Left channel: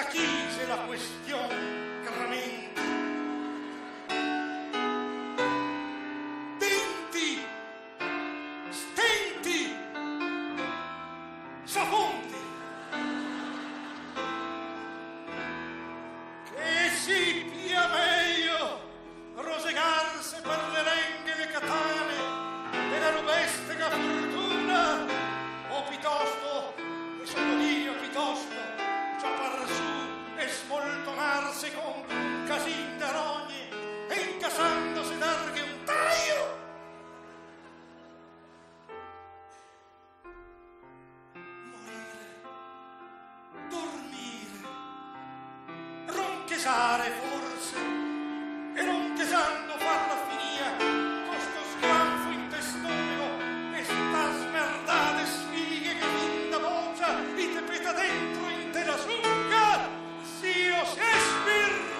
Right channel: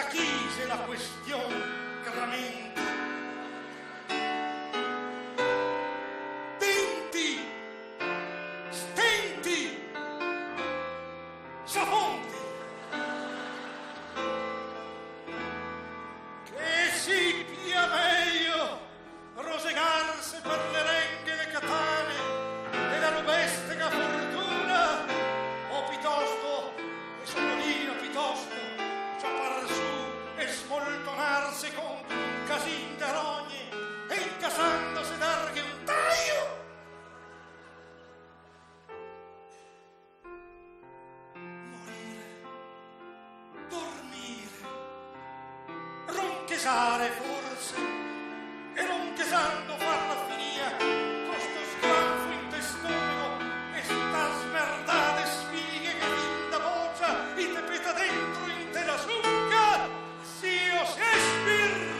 s'achise la question gramente. Denti, stenti, s'affonti, che si pia meglio rosegarse per le renghe le catane della rubestega fortuna, o piuttosto, e sottolineo piuttosto, ciappar su e smoltonarsi contro un casin de rogne e incassandosi darghe un taglio. Morire, dormire, ronchesare forse, e ronchesando farla finia, costo sgranfo in testomaco e sta smerdate sfighe che vinda boccia e te peta dentro in te la succa, zio Shakespeare.